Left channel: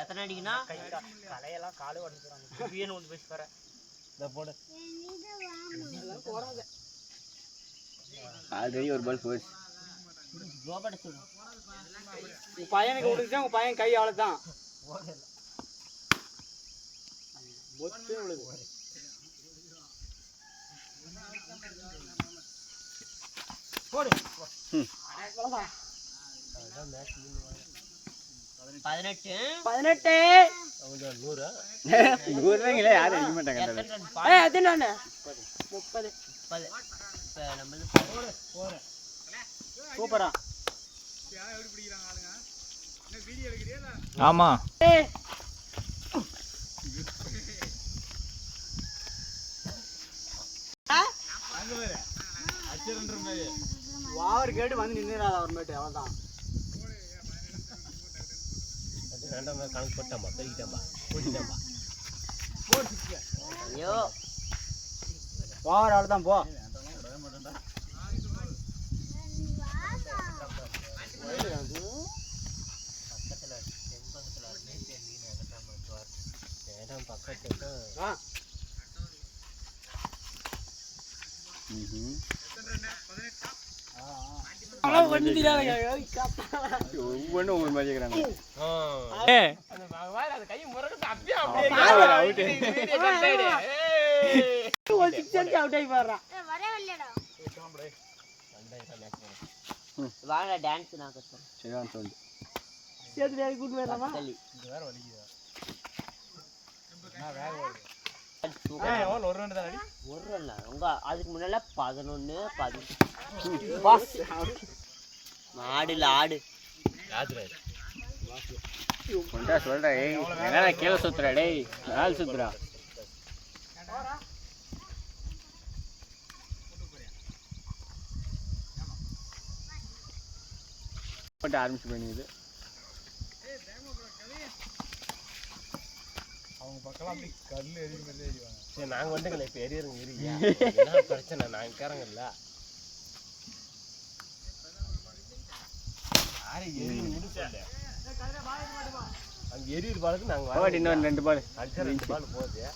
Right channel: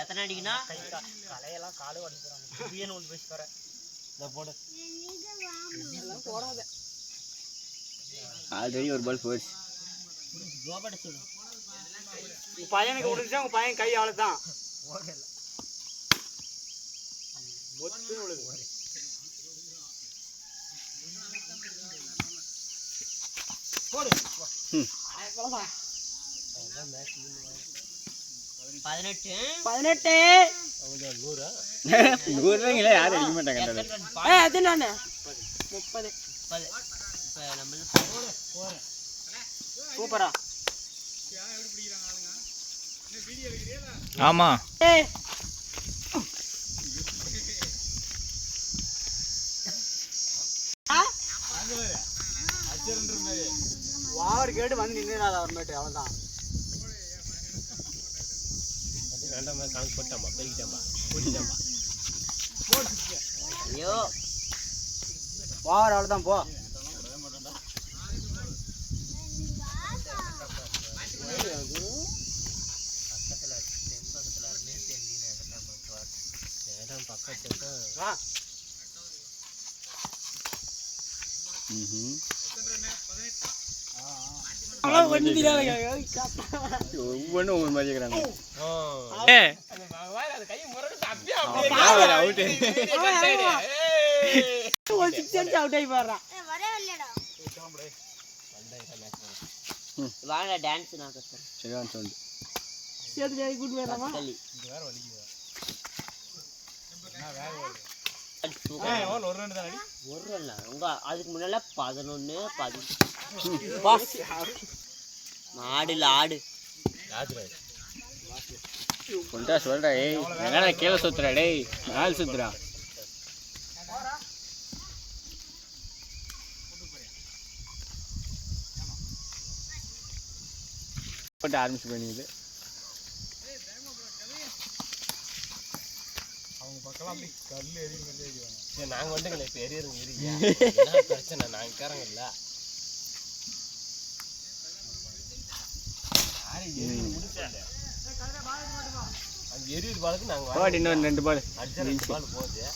எத்தனை அடிக்குன்னா கலையெல்லாம் காலு உடஞ்சிடும் பேசி பாரு போடு ஆல்ரெடி ஒரு பால் போச்சு. பையனுக்கு விட்டுச்சா உங்க பையன் கை அவ்வளவுதான். போடு 18 100 யாரும் அடிக்க மாட்டாங்க. 30 சூப்பரா ஆமா வாவர் கேட்டு வந்து நின்னுறாத அவர்மேட்டு அவ்வளவுதான். வேண்டாம் கணக்கு போட்டாம்பா பெருகிட்டாம்பா கூட்டிட்டாம்பா. ஐயோ வாவர் அவ்வளவுதான் போ. ஒவ்வொன்றும் ஒவ்வொரு மாதிரி இருக்கிறாங்க. அதுக்கு முன்னால 11 ஆடுல ஆடு சொல்றா என்னால கீழே சுத்துறா டேய் மேல சுத்துறா. போட்டு ஆரம்பிச்சு பண்ணிது அவங்க பக்கம் அப்படி கல் எரிய மாதிரி எரிவாங்க. நாங்கள் வந்துங்களே இப்போ எரியறவங்க எரியா பிரச்சனை நாங்கள் கேறங்கல்ல அங்கே எரியுது பாலுக்கு நாங்கள் இன்னும் 2 பால் அடிச்சா 2 பால் போகுது.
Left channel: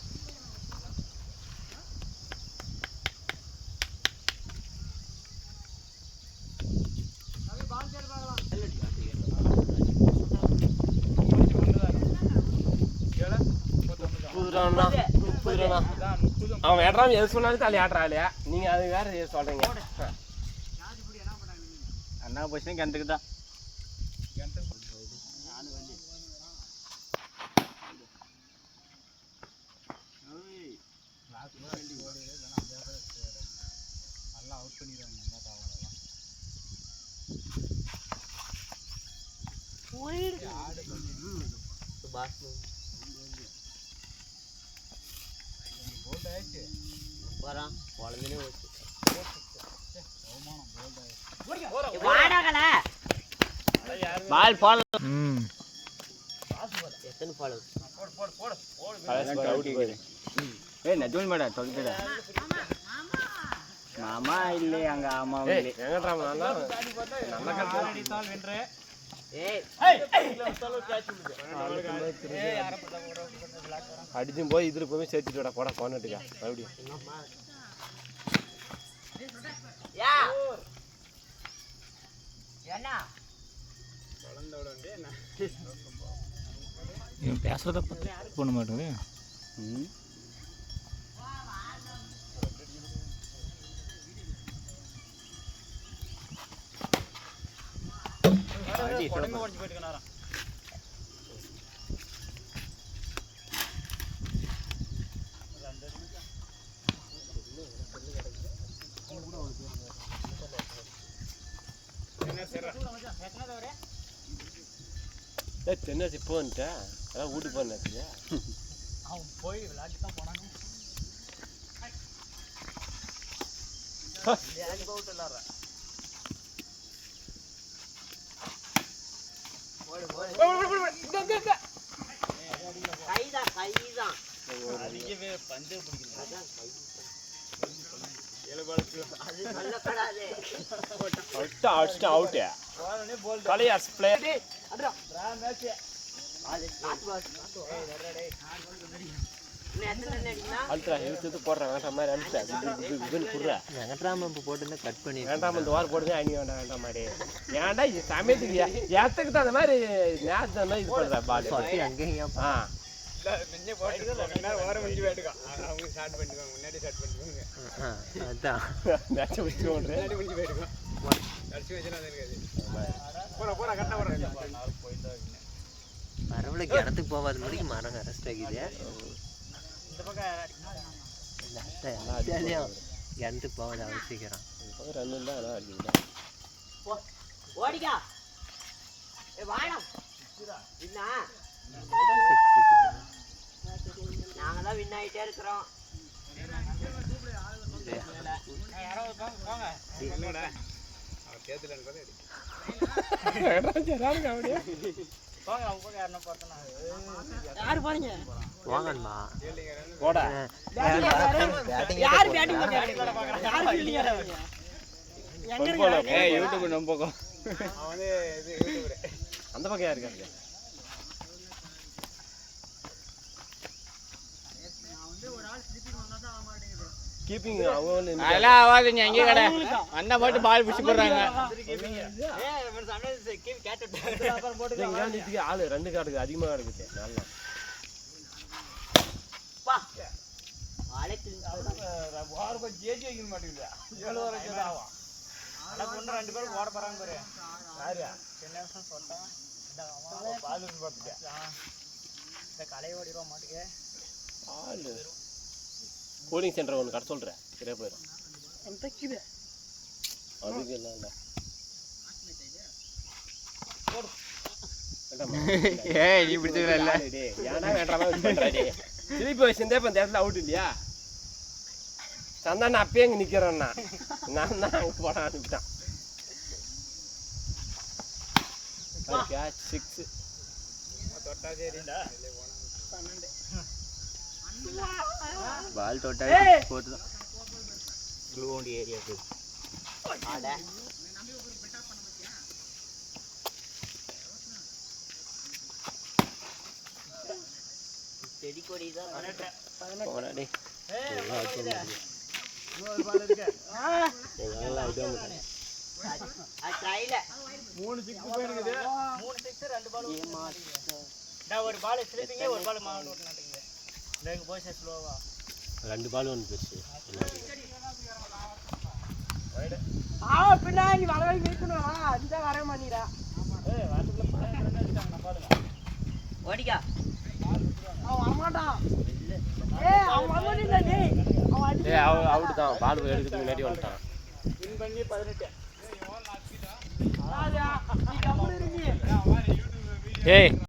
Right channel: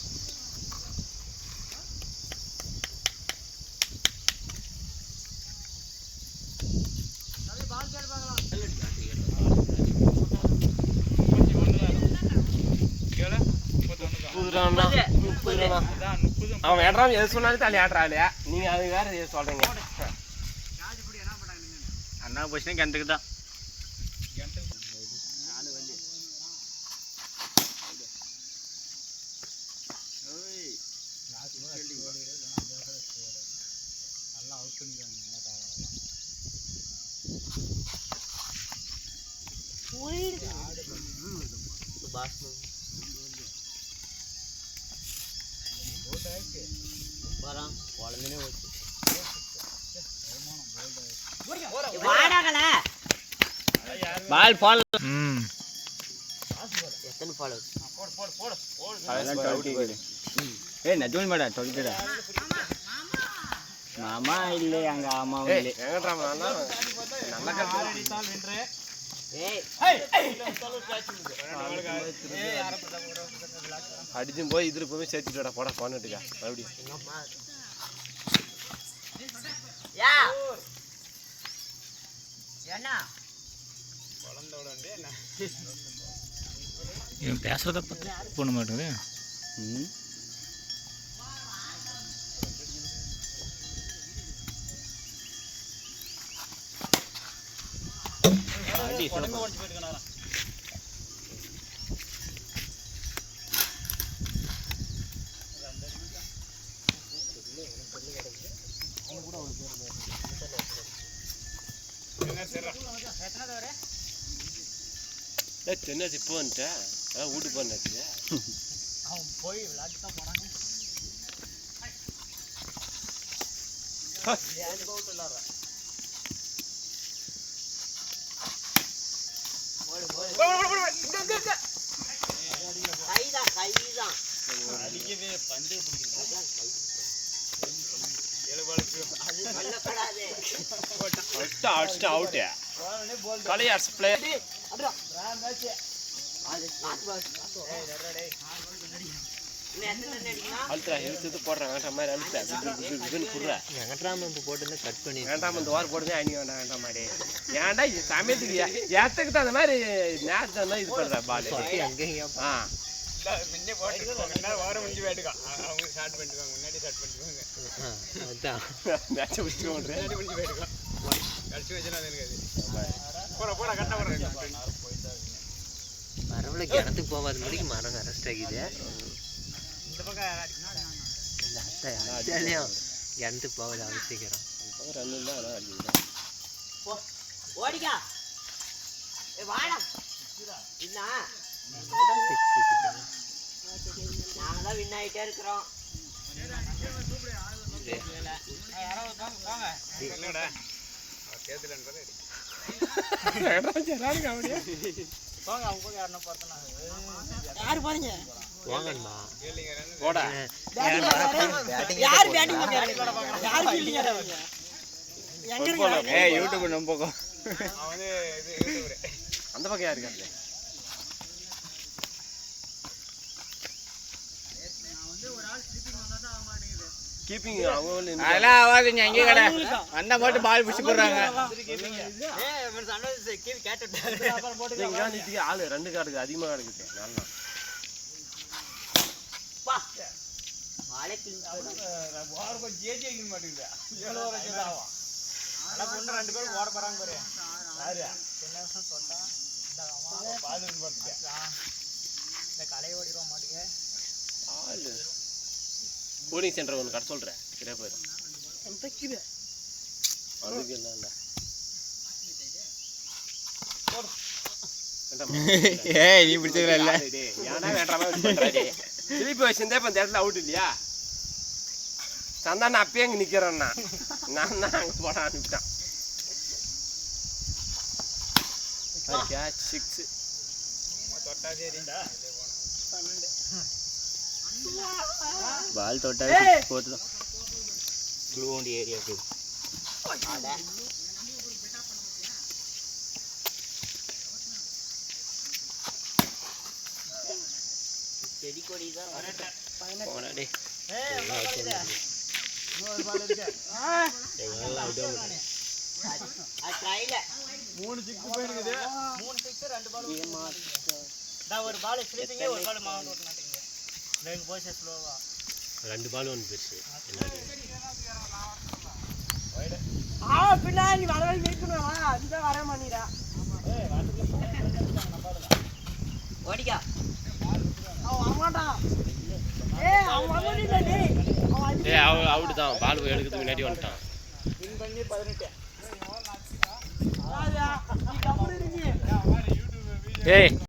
அவன் ஏற்றாம எது சொன்னாலும் தள்ளி ஆடுறாளையா நீங்க அது வேற எது சொல்றீங்க. அண்ணா போச்சுன்னா கிணத்துக்கு தான். பால் பால் எத்தனை பால் ஏய் நஜூல் மேடா சொல்லிட்டடா மாமா இல்லை அங்க ஆமா இல்லை அடிச்சும் போய் இதுல போய் சேர்த்துட்டா போட போனட்டுக்கா அப்படி இவன் பேசுறத பண்ண மாட்டேங்குது. சென்னை இப்போ வந்துட்டேன் அதான் வீட்டுக்கு போனாச்சு. அவன் போய் விளையாட்டு தான் போனாங்க. கைதான் அவுட் பழையார்ஸ் பிளேயர் அழுத்தா இழுத்து போடுறேன் வேண்டாம் மாதிரி அழுத்தா இதுன்னு குடுறா போட்டு கட் பண்ணி வேண்டாம் இந்த வாரம் போடுதே அணி வேண்டாம் வேண்டாம் மாடி ஏன்டா இது சமயத்துக்கு ஏத்துக்கு தான் அந்த மாதிரி மேட்ச் தான் இது பண்ணுறா பால் ஆ மரம்ல கிணத்துக்கு போகாத முடிக்கு மரம் அரெஸ்ட் ஆகிது கிணத்துக்கு போகாத அவசியம் ஓடிக்கா வாடா நாங்க தான் வின் ஆகிட்டே இருக்கிறோம் அந்த பக்கம் யாரு இருக்காரு கீப்பிங் அதெல்லாம் ஆகாதுங்க அங்கேயே கடை வந்தா மட்டும் பால் பிடிச்சி போடுறாங்க ஆளு 2 கார்டுக்கு அதிகமா இருக்குது நல்லா கோடிங் சென்டர் ஒன்று கடை சொல்கிறேன் கிடையாது போயிரு அதுக்கு என்ன ஏய் நீ பிடிச்சது இல்லை ஏன்னா வேண்டாமே திருப்பி வச்சிருந்தே இப்போ இந்த இடத்துல அவுட் இல்லையா சந்தா நான் அப்பயே இங்கே நிற்கிறேன்னா நான் தான் அங்கே போட அனுப்பிட்டான் கேட்ச் 6 பால் தொட்டா போட்டு ஏரியாவுக்கு செடி கொடி தான் ஒரு பால் ஸ்லிப்பிங்க ஒரு பால் மாவுண்ட் ஓட்டுனாட்டீங்க இங்க போய் ஸ்லோவா 2 பால் ஒன்று பெருசு பின்னாடி வர வரைக்கும் இருக்கணும்டா இந்த வர மாட்டீடா ஓடிக்கா அவன் வரமாட்டான் அவன் வரமாட்டா டேய் அவன் அவுட் தான் பால் போய் எடுக்கிறதுக்கு முன்னாடி வந்துட்டான் வின் பண்ணி 18 ஏய்